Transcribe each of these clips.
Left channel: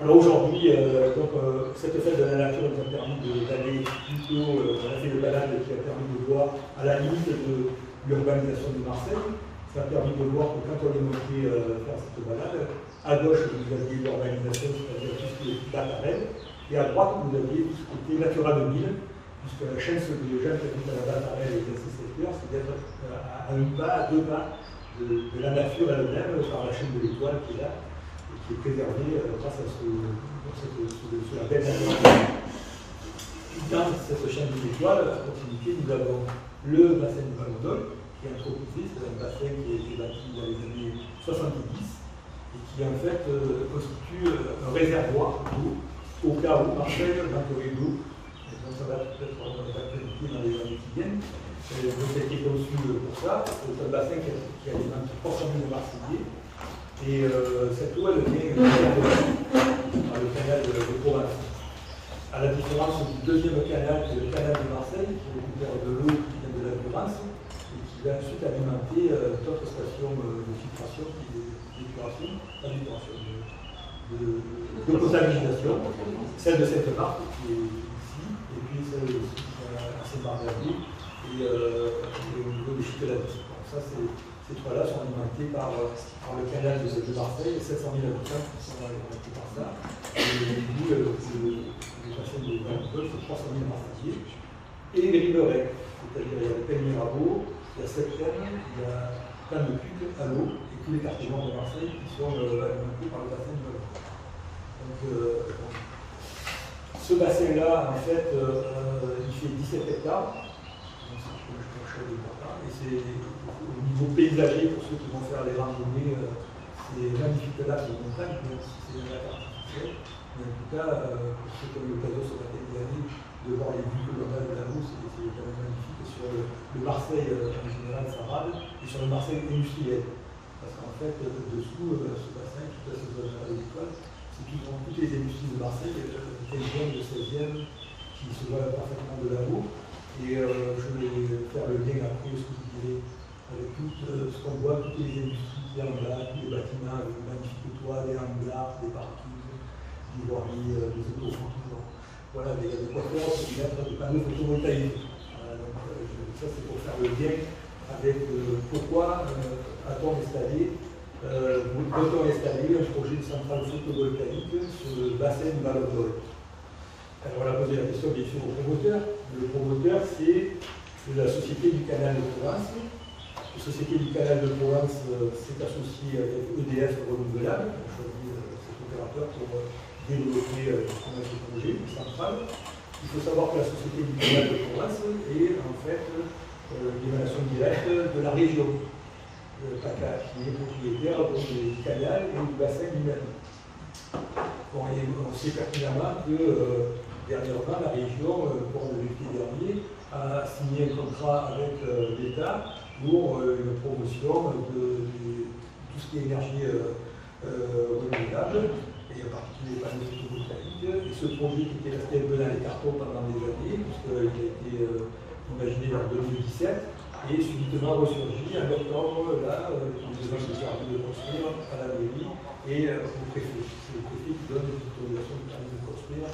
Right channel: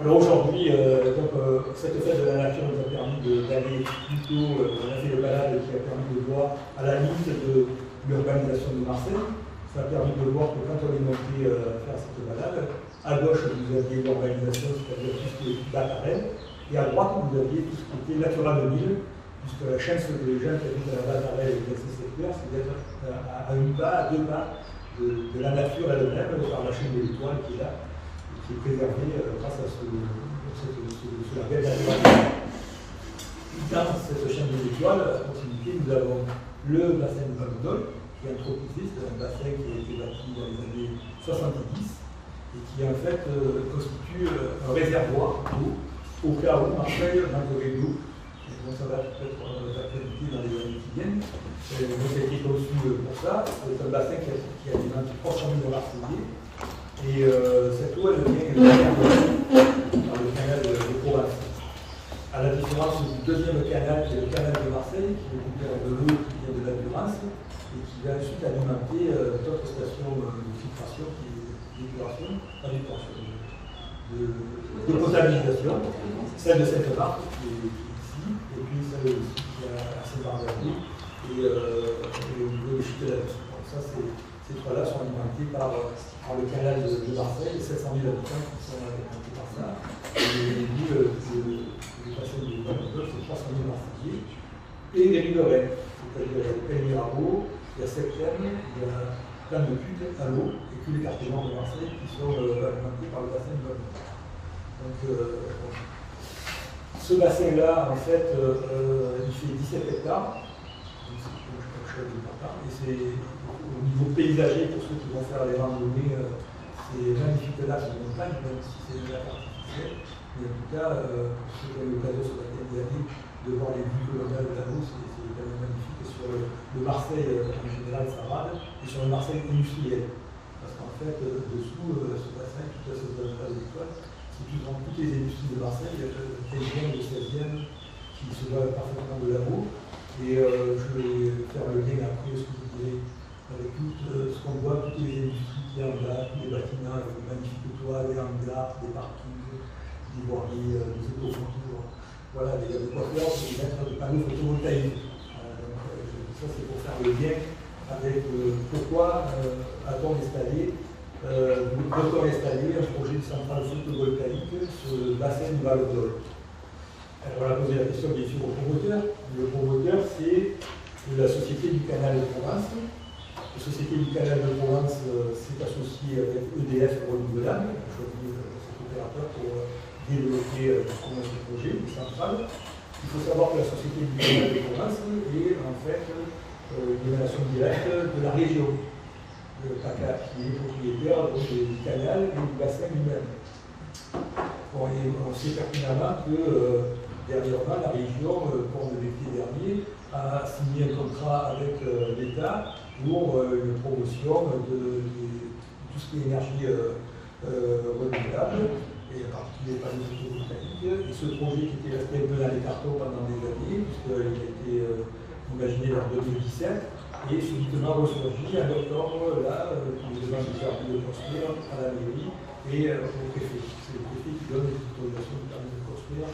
Alors aujourd'hui, cette fête de la nature nous a permis d'aller plutôt, on a fait le balade qui a permis de voir à la limite de l'urbanisation de Marseille. Ça a permis de voir que quand on est monté faire cette balade, à gauche vous aviez l'urbanisation, c'est-à-dire tout ce qui est Batarel, et à droite vous aviez tout ce qui était Natura 2000, puisque la chance des gens qui habitent à la Batarel et dans ces secteurs, c'est d'être à un pas, à deux pas de la nature elle-même par la chaîne de l'étoile qui est là, et qui est préservée grâce à la belle nature. Dans cette chaîne de l'étoile, à proximité, nous avons le bassin des Valondoles, qui est anthropisé, c'est un bassin qui a été bâti dans les années 70 et qui en fait constitue un réservoir d'eau au cas où Marseille manquerait d'eau. Donc ça va peut-être d'actualité dans les années qui viennent. Donc ça a été conçu pour ça. C'est un bassin qui alimente 300 000 Marseillais. Et cette eau, elle vient par le canal de Provence. À la différence du deuxième canal, qui est le canal de Marseille, qui récupère de l'eau qui vient de la Durance et qui va ensuite alimenter d'autres stations de filtration, de potabilisation, celle de Sainte-Marthe qui est ici, et puis celle aussi qui est à Saint-Barthélemy et au niveau des Chutes-de-la-Vie. Ça, ces trois-là sont alimentés par le canal de Marseille, 700 000 habitants qui sont alimentés par ça. Et le bassin de Valondoles, c'est 300 000 Marseillais. Et les riverains, c'est-à-dire il y a le Pen Mirabeau, il y a Septième, il y a plein de Puc à l'eau, et tous les quartiers nord de Marseille qui sont alimentés par le bassin de Valondoles. Donc, ce bassin-là, en fait, il fait 17 hectares. Donc, c'est quelque chose d'important. Et c'est au niveau paysager, pour ceux qui vont faire les randonnées, c'est magnifique là pour les montagnes, même si c'est une lac artificielle. Mais en tout cas, pour ceux qui ont eu l'occasion sur la tête d'année de voir les vues que l'on a de la route, c'est quand même magnifique. Et sur le Marseille, en général, ça rade, et sur le Marseille industriel. Parce qu'en fait, dessous, ce bassin, toute cette zone-là de l'école, c'est toutes les industries de Marseille, 15e, 16e, qui se voient parfaitement de là-haut. Et je vais faire le lien après, ce que vous direz, avec tout ce qu'on voit, toutes les industries qui sont en bas, tous les bâtiments avec des magnifiques toits, des hangars, des parkings, des voiries, des autoroutes. Voilà, il y a de quoi faire, c'est mettre des panneaux photovoltaïques. Donc, ça, c'est pour faire le lien avec pourquoi a-t-on installé un projet de centrale photovoltaïque sur le bassin du Valondoles. Alors, on a posé la question bien sûr au promoteur. Le promoteur, c'est la Société du Canal de Provence. La Société du Canal de Provence s'est associée avec EDF Renouvelable, on a choisi cet opérateur pour développer ce projet de centrale. Il faut savoir que la Société du Canal de Provence est en fait l'émanation directe de la région. CACA, qui est propriétaire du canal et du bassin lui-même. Bon, on sait pertinemment que dernièrement, la région, au cours de l'été dernier, a signé un contrat avec l'État pour une promotion de tout ce qui est énergie renouvelable, et en particulier les panneaux photovoltaïques. Et ce projet qui était resté un peu dans les cartons pendant des années, puisqu'il a été imaginé en 2017, et subitement ressurgi en octobre, là, pour les demandes de service de construire à la mairie et au préfet. C'est le préfet qui donne l'autorisation de permis de construire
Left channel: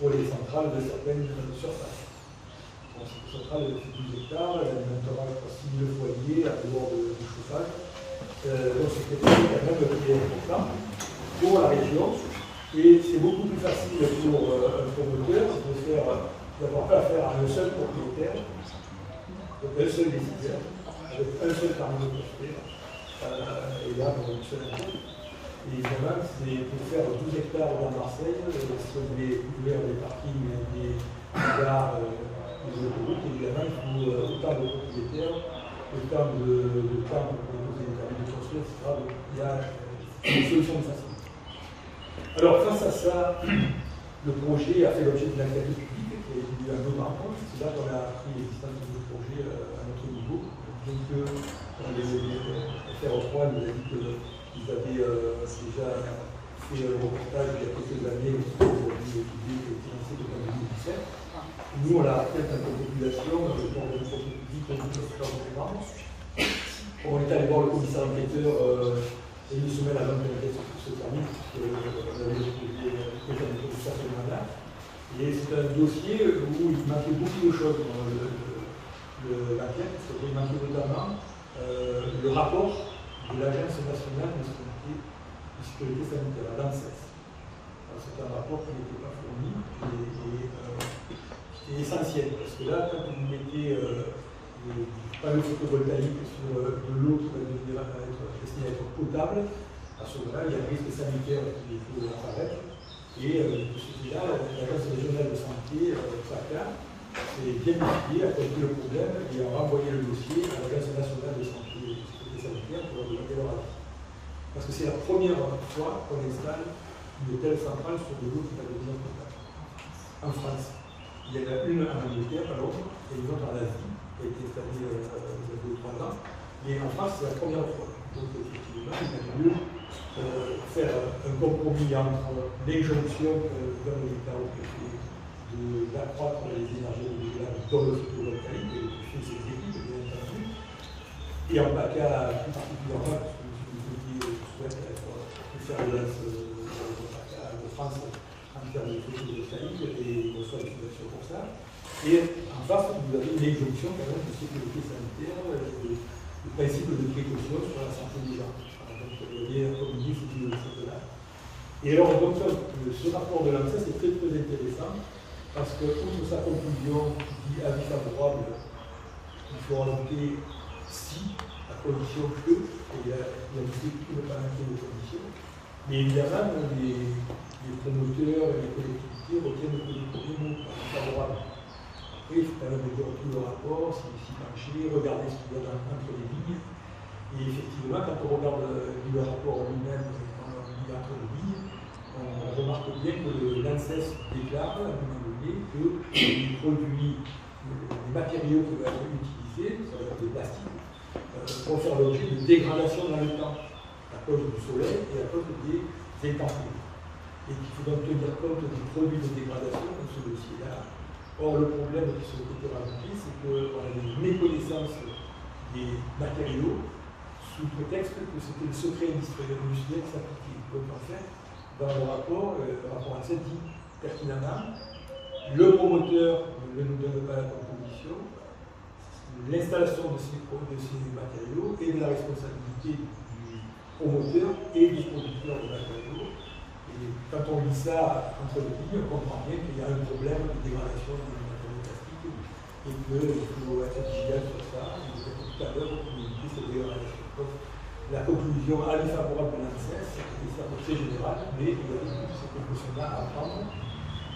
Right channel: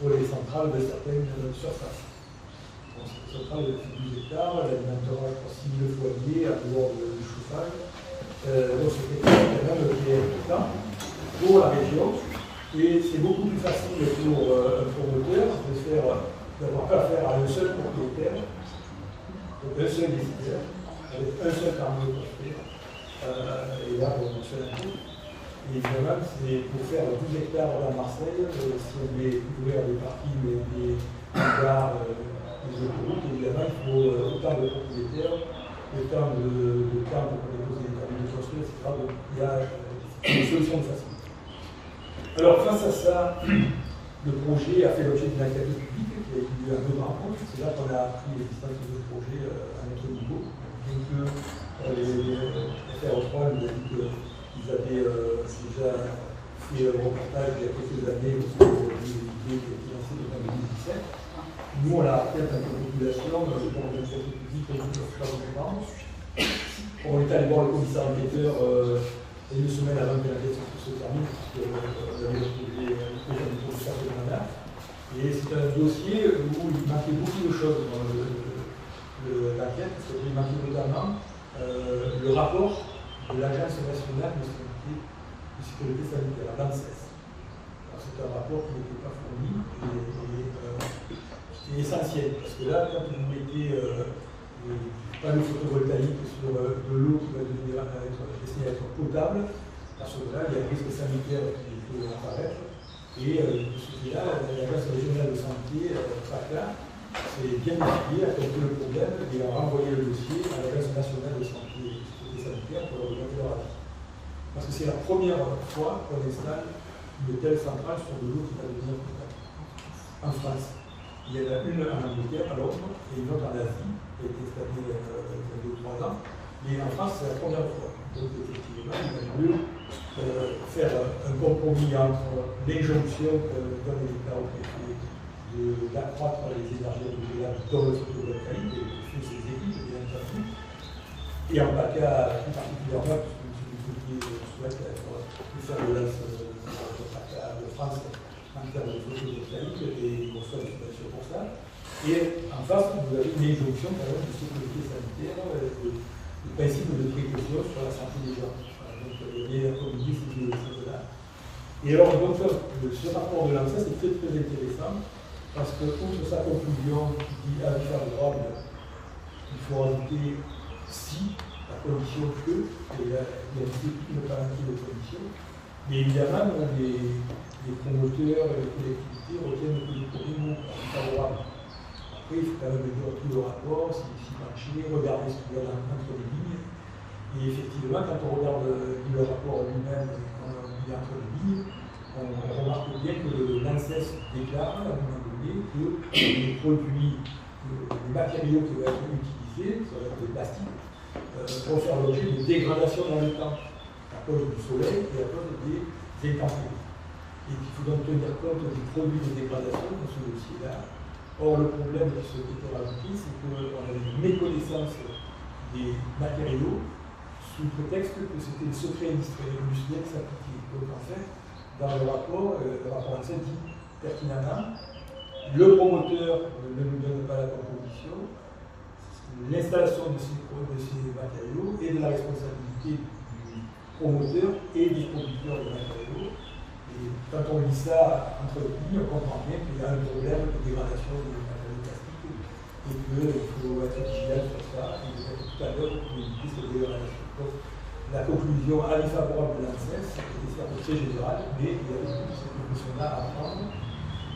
pour les centrales de certaines surfaces. Donc, cette centrale de 12 hectares, elle alimentera 6 foyers à dehors du chauffage. Donc, c'est quelque chose quand même qui est important pour la région. Et c'est beaucoup plus facile pour un promoteur d'avoir affaire à un seul propriétaire. Donc un seul décideur, avec un seul permis de construire, et là pour une seule année. Et évidemment, c'est pour faire 12 hectares dans Marseille, si on voulait couvrir des parkings, des gares, des autoroutes, évidemment, il faut autant de propriétaires, autant de temps pour déposer des permis de construire, etc. Donc il y a une solution de facile. Alors face à ça, le projet a fait l'objet d'une enquête publique qui a été étudiée en 2 rencontres. C'est là qu'on a appris l'existence de ce projet à notre niveau. Bien que les FR3 nous a dit qu'ils avaient déjà fait un reportage il y a quelques années sur l'idée qui a été lancée en 2017. Nous, on l'a appris en tant que population, dans le cadre de l'enquête publique, on est allé voir le commissaire enquêteur une semaine avant que l'enquête se termine, puisqu'on avait retrouvé déjà du professeur Fernanda. Et c'est un dossier où il manquait beaucoup de choses dans l'enquête, parce qu'il manquait notamment le rapport de l'Agence nationale de sécurité sanitaire, la l'ANSES. C'est un rapport qui n'était pas fourni et essentiel, parce que là, quand vous mettez des panneaux photovoltaïques sur de l'eau qui va devenir destinée à être potable, à ce moment-là, il y a un risque sanitaire qui peut apparaître. Et de ce fait-là, l'Agence régionale de santé, PACA, s'est bien étudié, a compris le problème et a renvoyé le dossier à l'Agence nationale de santé et de sécurité sanitaire pour leur demander leur avis. Parce que c'est la première fois qu'on installe une telle centrale sur de l'eau qui va devenir potable. En France. Il y en a une en Angleterre, à Londres, et une autre en Asie, qui a été installée il y a 2 ou 3 ans. Mais en France, c'est la première fois. Donc, effectivement, il va mieux faire un compromis entre l'injonction pour le gouvernement de l'État au préfet d'accroître les énergies renouvelables dans le photovoltaïque, et le préfet s'exécute, bien entendu, et en PACA plus particulièrement, parce que M. Dupuis souhaite faire le lance de PACA de France en termes de photovoltaïque, et il reçoit une subvention pour ça. Et en face, vous avez une injonction quand même de sécurité sanitaire, le principe de précaution sur la santé des gens. Il y a comme dit, de là. Et alors, donc, ce rapport de l'ANSES est très très intéressant parce que, outre sa conclusion qui dit avis favorable, il faut rajouter si, la condition que, et il y a une palanquée de conditions, mais évidemment, les promoteurs et les collectivités retiennent que les premiers mots avis favorable. Après, il faut quand même dire tout le rapport, s'y pencher, regarder ce qu'il y a entre les lignes. Et effectivement, quand on regarde le rapport lui-même, quand on lit entre les lignes, on remarque bien que l'ANSES déclare à un moment donné que les produits, les matériaux qui vont être utilisés, c'est-à-dire le plastique, vont faire l'objet de dégradation dans le temps, à cause du soleil et à cause des intempéries. Et qu'il faut donc tenir compte des produits de dégradation dans ce dossier-là. Or, le problème qui s'était rajouté, c'est qu'on avait une méconnaissance des matériaux sous prétexte que c'était le secret industriel qui s'appliquait. Donc en fait, dans le rapport ANSES dit pertinemment, le promoteur ne nous donne pas la composition, l'installation de ces matériaux est de la responsabilité du promoteur et du producteur de matériaux. Et quand on lit ça entre les lignes, on comprend bien qu'il y a un problème de dégradation des matériaux plastiques et qu'il faut être vigilant sur ça. Et tout à l'heure, pour éviter cette dégradation. Donc, la conclusion avis favorable de l'ANSES est certes très générale, mais il y a cette conclusion-là à prendre.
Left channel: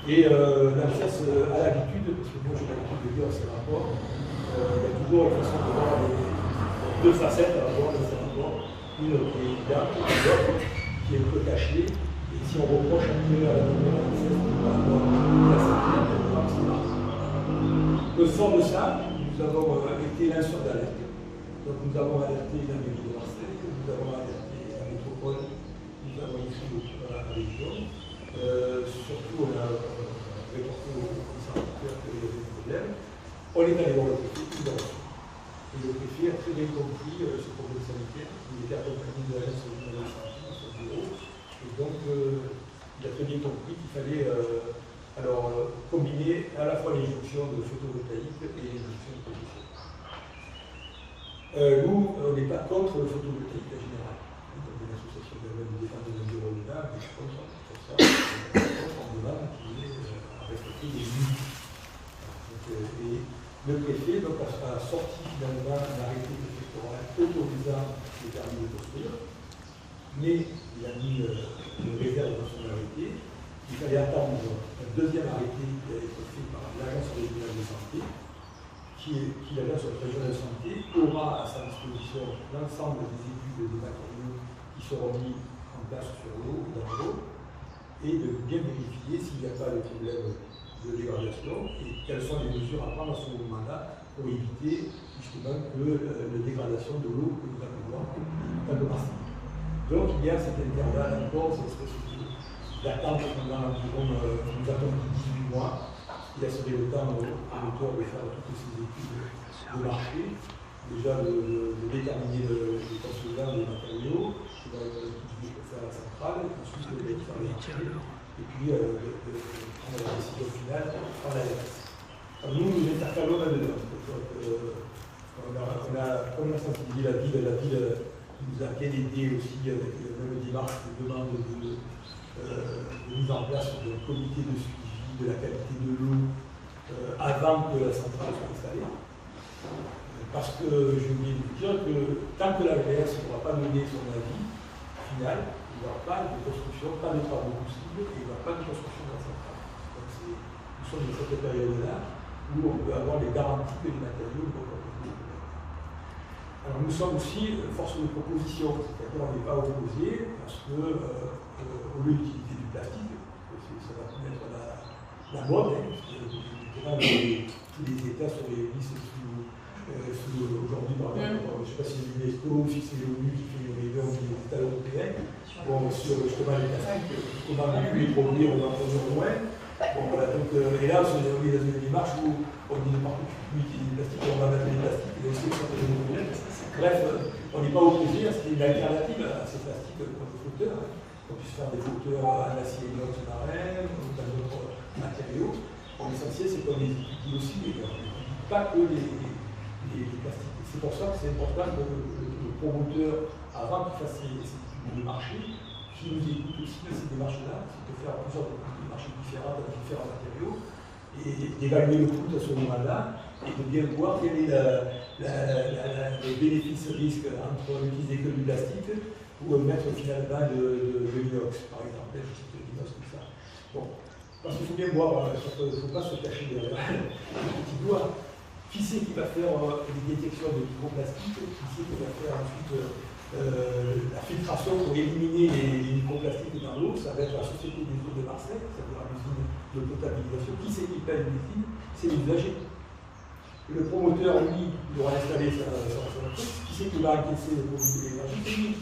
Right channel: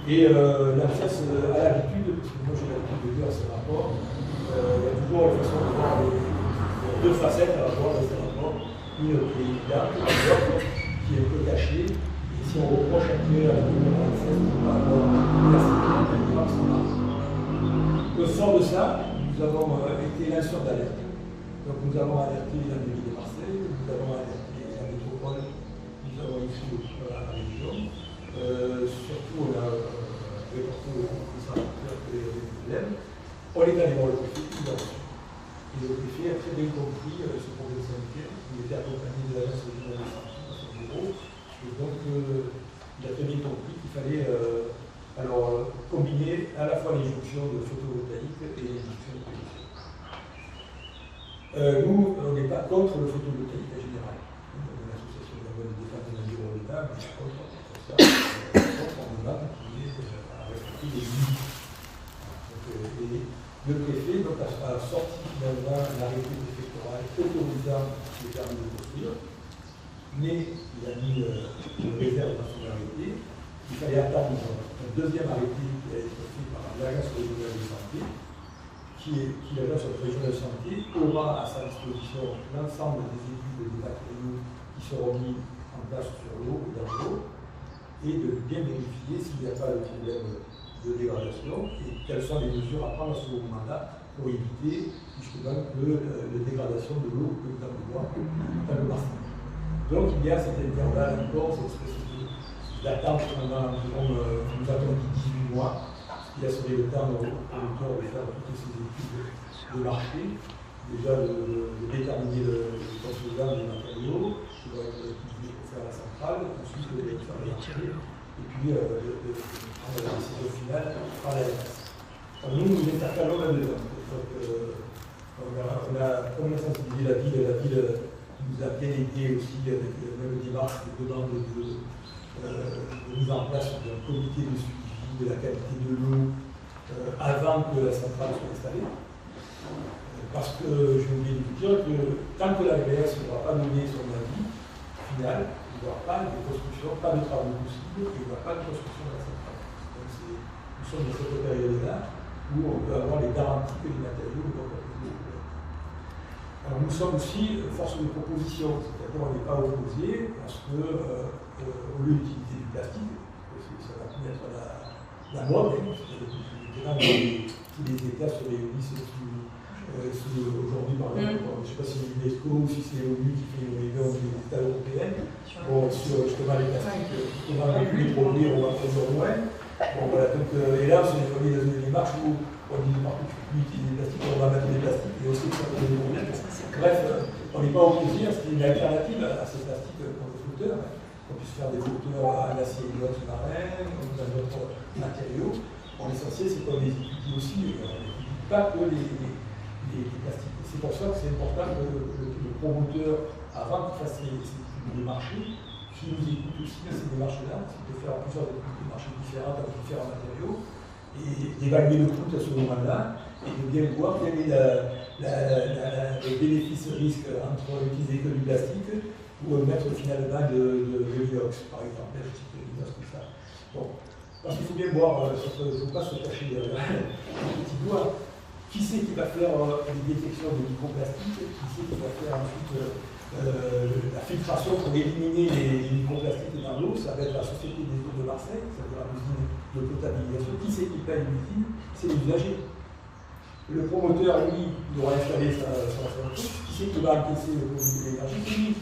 Et l'ANSES a l'habitude, parce que moi j'ai l'habitude de lire ces rapports, il y a toujours la façon de voir deux facettes à avoir dans ces rapports, une qui est évidente, l'autre qui est un peu cachée. Et si on reproche à qui à la de l'ANSES qui va avoir la sécurité, c'est marrant. Au fond de ça, nous avons été lanceurs d'alerte. Donc nous avons alerté la mairie de Marseille, nous avons alerté la métropole, nous avons écrit à la région. Surtout, on a reporté au conservateur qu'il y avait des problèmes. On est allé voir le préfet, il a reçu. Et le préfet a très bien compris ce problème sanitaire. Il était accompagné de l'agence régionale de santé dans son bureau. Et donc, il a très bien compris qu'il fallait combiner à la fois l'injonction de photovoltaïque et l'injonction de production. Nous, on n'est pas contre le photovoltaïque en général. Comme l'association de défense de l'environnement, on est contre ça. On demande qu'il est à respecter les limites. Et le préfet donc, a sorti finalement un arrêté préfectoral autorisant le permis de construire, mais il a mis une réserve dans son arrêté. Il fallait attendre un deuxième arrêté qui a été fait par l'Agence régionale de santé, qui l'Agence régionale de santé aura à sa disposition l'ensemble des études des matériaux qui seront mis en place sur l'eau et dans l'eau, et de bien vérifier s'il n'y a pas de problème de dégradation et quelles sont les mesures à prendre à ce moment-là pour éviter justement les dégradations de l'eau que nous allons voir dans le bassin. Donc il y a cet intervalle encore, cette espèce d'attente pendant environ, nous attendons 18 mois, il a cédé le temps aux producteurs de faire toutes ces études de marché, déjà de déterminer le composant des matériaux qui vont être utilisés pour faire la centrale, ensuite de faire le marché, et puis de prendre la décision finale par l'ARS. Nous intercalons là-dedans. On a, comme on a sensibilisé la ville nous a bien aidé aussi avec le dimanche de demande de mise en place d'un comité de suivi de la qualité de l'eau avant que la centrale soit installée. Parce que j'ai oublié de vous dire que tant que l'ARS n'aura pas donné son avis final, il n'y aura pas de construction, pas de travaux possibles, et il n'y aura pas de construction de la centrale. Donc nous sommes dans cette période-là où on peut avoir les garanties que les matériaux ne vont pas produire. Alors nous sommes aussi force de proposition, c'est-à-dire on n'est pas opposé à ce que, au lieu d'utiliser du plastique, ça va être la mode, hein, tous les États se réunissent aujourd'hui, par exemple, je ne sais pas si c'est l'UNESCO ou si c'est l'ONU qui fait une réunion des États européens, bon, sur justement les plastiques, comment on peut les produire, on va produire moins. Bon, voilà, donc, et là, c'est une démarche où on dit partout que tu peux utiliser des plastiques, on va mettre des plastiques, et aussi ça peut donner des problèmes. Bref, on n'est pas opposé à ce qu'il y ait une alternative à ces plastiques comme flotteurs, qu'on puisse faire des flotteurs à l'acier inox marin, ou dans d'autres matériaux. Bon, l'essentiel, c'est qu'on les étudie aussi, et on n'étudie pas que des plastiques. C'est pour ça que c'est important que le promoteur, avant qu'il fasse ses études de marché, qui nous écoute aussi dans ces démarches-là, c'est de faire plusieurs études de marché différentes avec différents matériaux, et d'évaluer le coût à ce moment-là, et de bien voir quel est le bénéfice-risque entre utiliser que du plastique ou mettre finalement de l'inox, par exemple, de l'inox comme ça. Bon, parce qu'il faut bien voir, il ne faut pas se cacher derrière le petit doigt. Qui c'est qui va faire une détection de microplastiques? Qui c'est qui va faire ensuite la filtration pour éliminer les microplastiques dans l'eau? Ça va être la Société des eaux de Marseille, c'est-à-dire l'usine de potabilisation. Qui c'est qui paye l'usine? C'est les usagers. Le promoteur, lui, il aura installé sa truc. Qui c'est qui va encaisser l'énergie? C'est lui.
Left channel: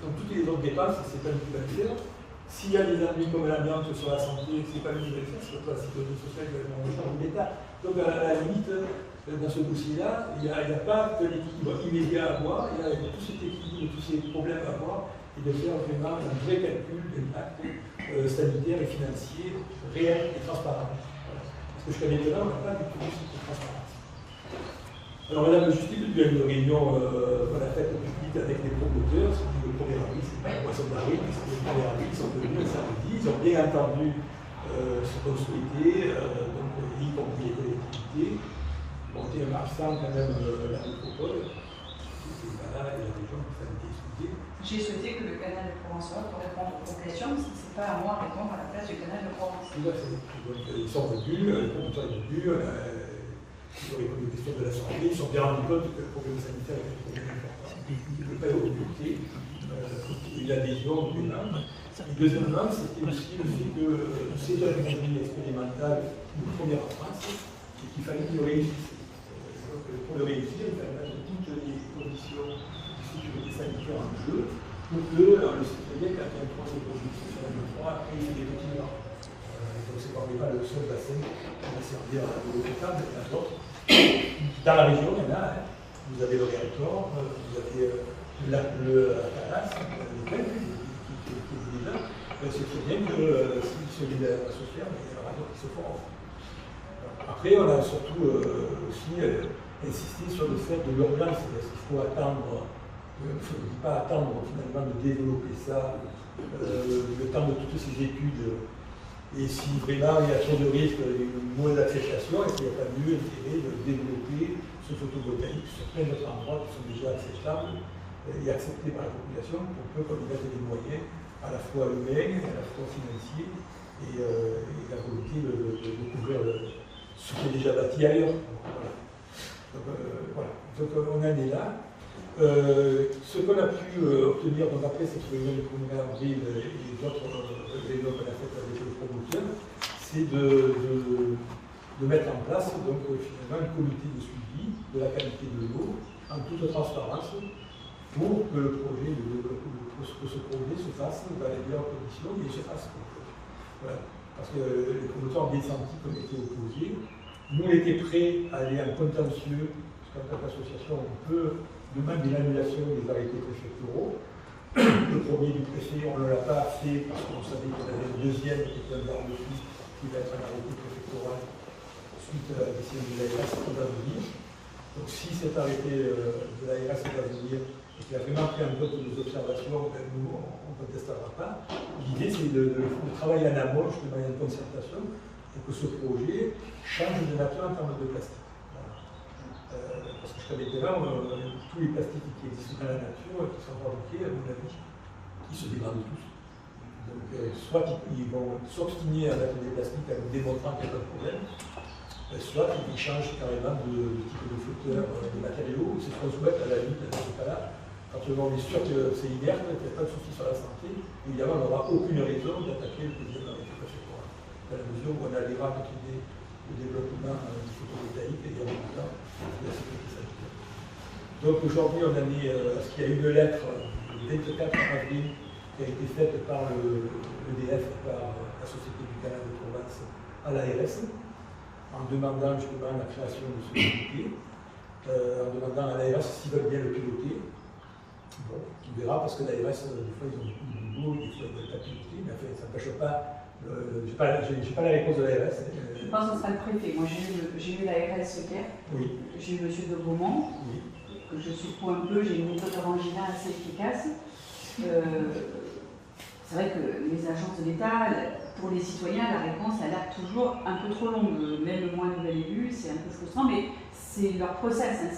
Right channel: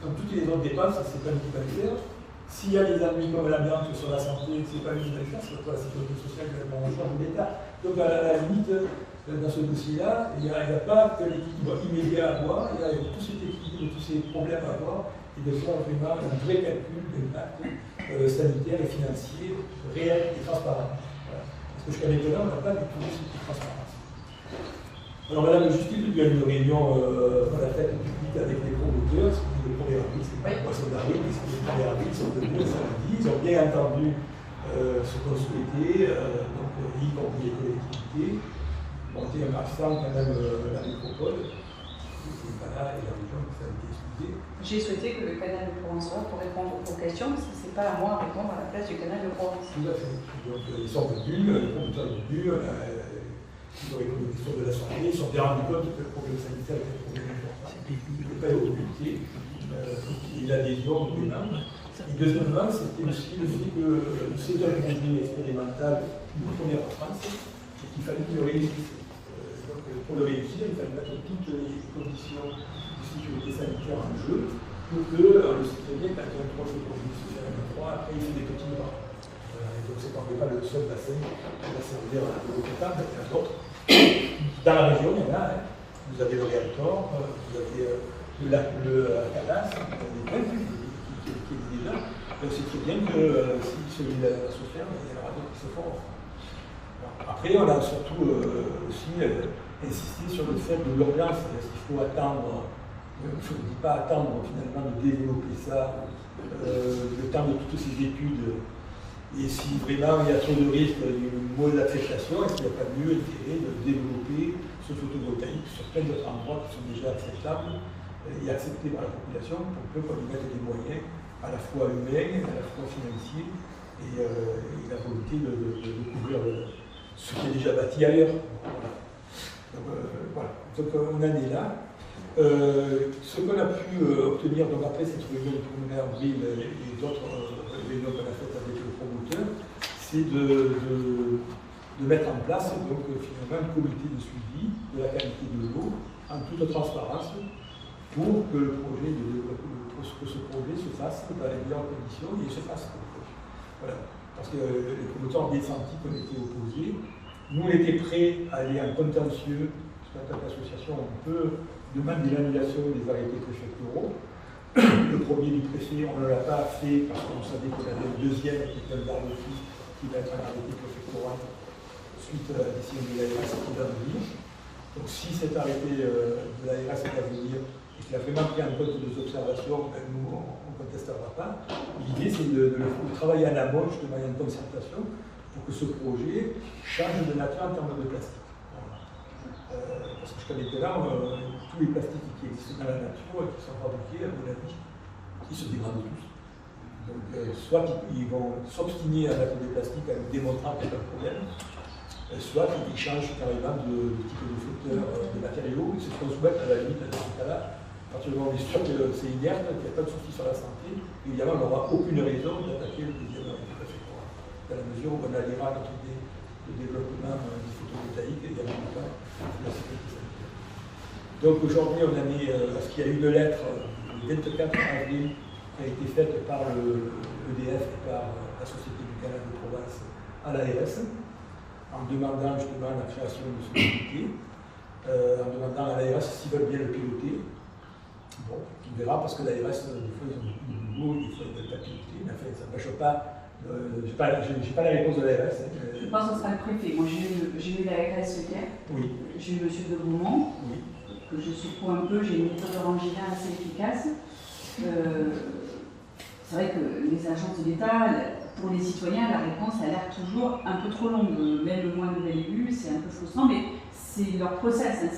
Donc toutes les autres dépenses, c'est pas lui qui va le faire. S'il y a des ennuis comme l'amiante sur la santé, c'est pas lui qui va le faire, c'est pas la sécurité sociale qui va le prendre en charge de l'État. Donc à la limite, dans ce dossier-là, il n'y a pas que l'équilibre immédiat à avoir, il y a tout cet équilibre, tous ces problèmes à avoir, et de faire vraiment un vrai calcul d'impact sanitaire et financier réel et transparent. Voilà. Parce que jusqu'à maintenant, on n'a pas du tout cette transparence. Alors Madame la Justice, il y a une réunion qu'on a faite publique avec les promoteurs, c'était le 1er avril, c'est pas le poisson d'avril, mais c'est le 1er avril, ils sont venus le samedi, ils ont bien entendu ce qu'on souhaitait, donc y compris les collectivités, monter en marchant quand même la métropole, et voilà, et la région, ça a été expliqué. J'ai souhaité que le canal de Provence soit pour répondre aux questions, parce que ce n'est pas à moi de répondre à la place du canal de Provence. Tout à fait. Donc ils sont venus, les promoteurs sont venus, ils ont répondu aux questions de l'Assemblée, ils sont bien rendus compte que le problème sanitaire est un problème important. Il ne faut pas oublier l'adhésion des membres. Et deuxièmement, c'était aussi le fait que c'est un projet expérimental de première France et qu'il fallait qu'il réussisse. Donc pour le réussir, il fallait mettre toutes les conditions de sécurité sanitaire en jeu pour que, on le sait très bien, quand un projet produit, c'est la fois, après il y a des petits morts. Donc c'est pas le seul bassin qui va servir à de l'eau potable, il y en a d'autres. Dans la région, il y en a. Hein. Vous avez le Réactor, vous avez le Cadas, vous avez plein qui est déjà. Et on sait très bien que si celui-là va se faire, il y en aura d'autres qui se font. Après, on a surtout aussi insisté sur le fait de l'urgence. Est-ce qu'il faut attendre, il ne faut pas attendre finalement de développer ça, le temps de toutes ces études. Et si vraiment il y a trop de risques, une mauvaise acceptation, est-ce qu'il n'y a pas mieux intérêt de développer ce photovoltaïque sur plein d'autres endroits qui sont déjà acceptables et acceptés par la population pour qu'on y mette des moyens à la fois humains, à la fois financiers et la volonté de couvrir ce qui est déjà bâti ailleurs. Donc voilà, donc on en est là. Ce qu'on a pu obtenir donc après cette réunion du 1er avril et d'autres réunions qu'on a faites avec le promoteur, c'est de mettre en place donc finalement un comité de suivi de la qualité de l'eau en toute transparence pour que ce projet se fasse dans les meilleures conditions et se fasse. Voilà. Parce que les promoteurs ont bien senti qu'on était opposés. Nous, on était prêts à aller en contentieux, parce qu'en tant qu'association, on peut demander l'annulation des arrêtés préfectoraux, Le premier du préfet, on ne l'a pas fait parce qu'on savait qu'on avait un deuxième qui était un garde fou qui va être un arrêté préfectoral suite à la décision de l'ARS qui va venir. Donc si cet arrêté de l'ARS va venir et qu'il a vraiment pris en compte nos observations, ben, nous on ne contestera pas. L'idée c'est de travailler en amont, justement, en concertation, pour que ce projet change de nature en termes de plastique. Voilà. Parce que jusqu'à maintenant, tous les plastiques qui existent dans la nature et qui sont fabriqués, à mon avis, ils se dégradent tous. Donc, soit ils vont s'obstiner à mettre des plastiques en nous démontrant qu'il n'y a pas de problème, soit ils changent carrément de type de flotteur, de matériaux, ils se font soumettre à la limite dans ce cas-là. À partir du moment où on est sûr que c'est inerte, qu'il n'y a pas de souci sur la santé, évidemment, on n'aura aucune raison d'attaquer le deuxième arrêté préfectoral. Dans la mesure où on alliera notre idée de développement du photovoltaïque et en même temps de la sécurité sanitaire. Donc aujourd'hui, on en est à ce qu'il y a une lettre le 24 avril qui a été faite par l'EDF et par la Société du Canal de Provence à l'ARS, en demandant justement la création de ce comité, en demandant à l'ARS s'ils veulent bien le piloter. Bon, on verra parce que l'ARS, des fois, ils ont beaucoup de boulot, des fois, ils ne veulent pas piloter, mais enfin, ça n'empêche pas. Je n'ai pas la réponse de l'ARS. Je pense que ce sera le préfet. Moi, j'ai eu l'ARS hier. Oui. J'ai eu M. de Beaumont, oui. que je secoue un peu. J'ai une méthode orangina assez efficace. C'est vrai que les agences de l'État, pour les citoyens, la réponse a l'air toujours un peu trop longue. Même moi, nouvel élu, c'est un peu frustrant, mais c'est leur process. Hein,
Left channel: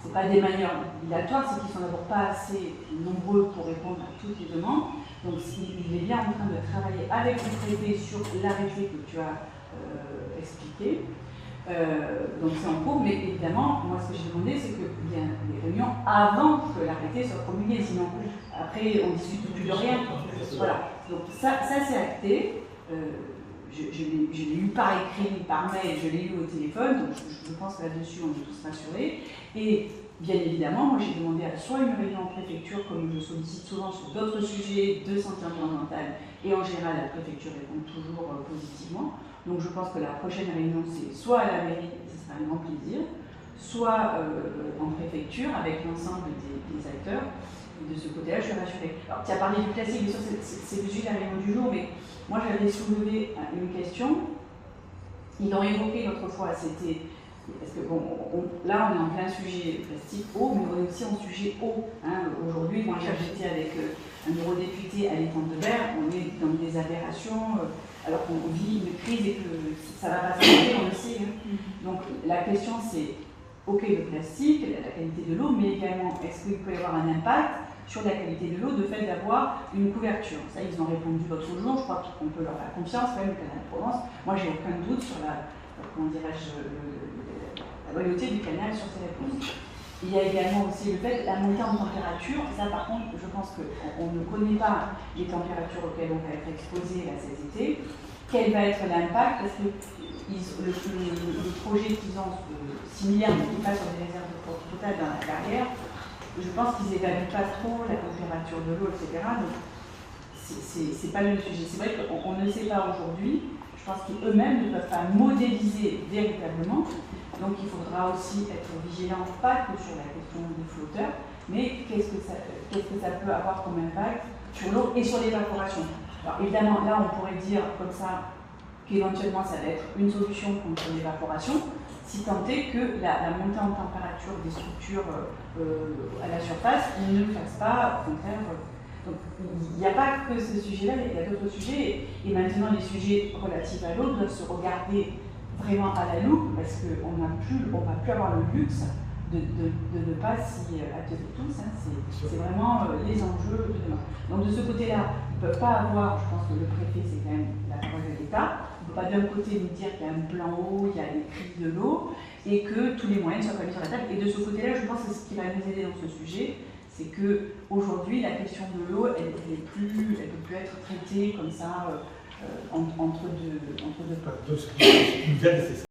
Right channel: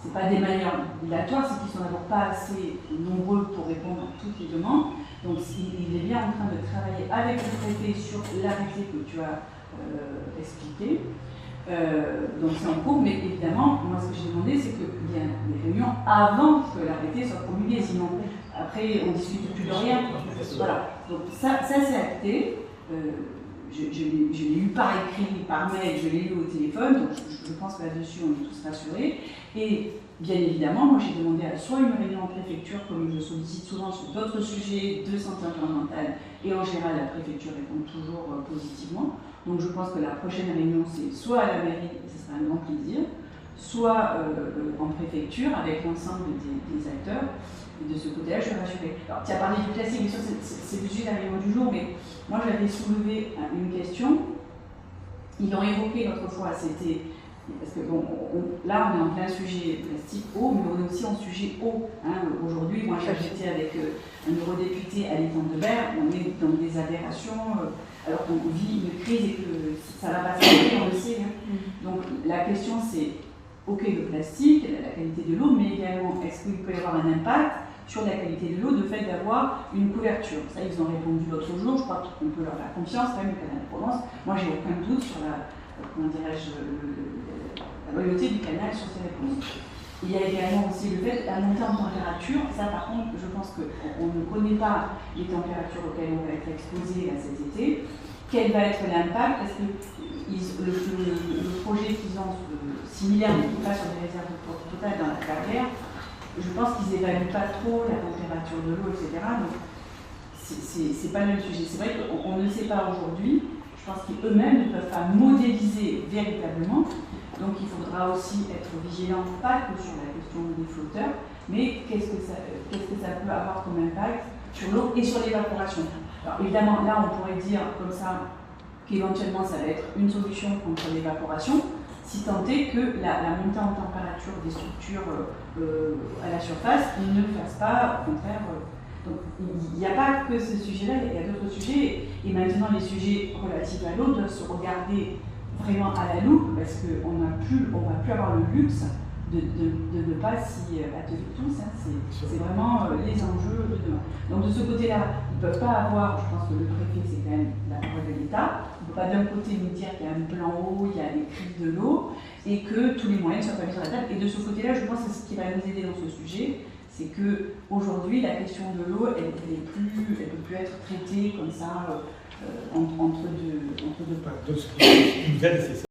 c'est pas des manières obligatoires, c'est qu'ils sont d'abord pas assez nombreux pour répondre à toutes les demandes. Donc il est bien en train de travailler avec le préfet sur l'arrêté que tu as expliqué. Donc c'est en cours, mais évidemment, moi ce que j'ai demandé, c'est qu'il y ait des réunions avant que l'arrêté soit promulgué, sinon après on ne discute plus de rien. Voilà, donc ça c'est acté. Je l'ai lu par écrit, par mail, je l'ai lu au téléphone, donc je pense que là-dessus on est tous rassurés. Et bien évidemment, moi j'ai demandé à soit une réunion en préfecture, comme je sollicite souvent sur d'autres sujets de santé environnementale, et en général la préfecture répond toujours positivement. Donc je pense que la prochaine réunion c'est soit à la mairie, ce sera un grand plaisir, soit en préfecture avec l'ensemble des acteurs. Et de ce côté-là, je suis rassurée. Alors, tu as parlé du classique, bien sûr, c'est le sujet de la réunion du jour, mais moi j'avais soulevé une question. Ils l'ont évoqué l'autre fois, c'était. Parce que bon, là on est en plein sujet plastique eau, mais on est aussi en sujet eau. Hein. Aujourd'hui, moi j'étais avec un eurodéputé à l'étang de Berre, on est dans des aberrations, alors qu'on vit une crise et que ça ne va pas s'arrêter, on le sait. Hein. Donc la question c'est, ok le plastique, la qualité de l'eau, mais également est-ce qu'il peut y avoir un impact sur la qualité de l'eau, de fait d'avoir une couverture. Ça, ils ont répondu l'autre jour, je crois qu'on peut leur faire confiance, quand même, le canal de Provence. Moi, j'ai aucun doute sur la loyauté du canal sur ces réponses. Il y a également aussi le fait, la montée en température, ça par contre, je pense qu'on ne connaît pas les températures auxquelles on va être exposé cet été. Quel va être l'impact? Parce que le projet qu'ils ont similaire, mais qui passe sur des réserves totales dans la carrière, je pense qu'ils n'évaluent pas trop la température de l'eau, etc. Donc, c'est pas le même sujet. C'est vrai qu'on ne sait pas aujourd'hui. Je pense qu'eux-mêmes ne peuvent pas modéliser véritablement. Donc, il faudra aussi être vigilant, pas que sur la question des flotteurs, mais qu'est-ce que ça peut avoir comme impact sur l'eau et sur l'évaporation. Alors, évidemment, là, on pourrait dire comme ça qu'éventuellement, ça va être une solution contre l'évaporation, si tant est que la montée en température des structures à la surface ne le fasse pas, au contraire. Donc il n'y a pas que ce sujet-là, il y a d'autres sujets. Et maintenant, les sujets relatifs à l'eau doivent se regarder vraiment à la loupe, parce qu'on ne va plus avoir le luxe de ne pas s'y atteler tous. Hein. C'est vraiment les enjeux de demain. Donc de ce côté-là, ils ne peuvent pas avoir, je pense que le préfet, c'est quand même la parole de l'État. On ne peut pas d'un côté nous dire qu'il y a un plan eau, il y a les crises de l'eau, et que tous les moyens soient mis sur la table. Et de ce côté-là, je pense que ce qui va nous aider dans ce sujet, c'est qu'aujourd'hui, la question de l'eau, elle ne peut plus être traitée comme ça, entre deux. Donc, ce qui nous aide, c'est ça.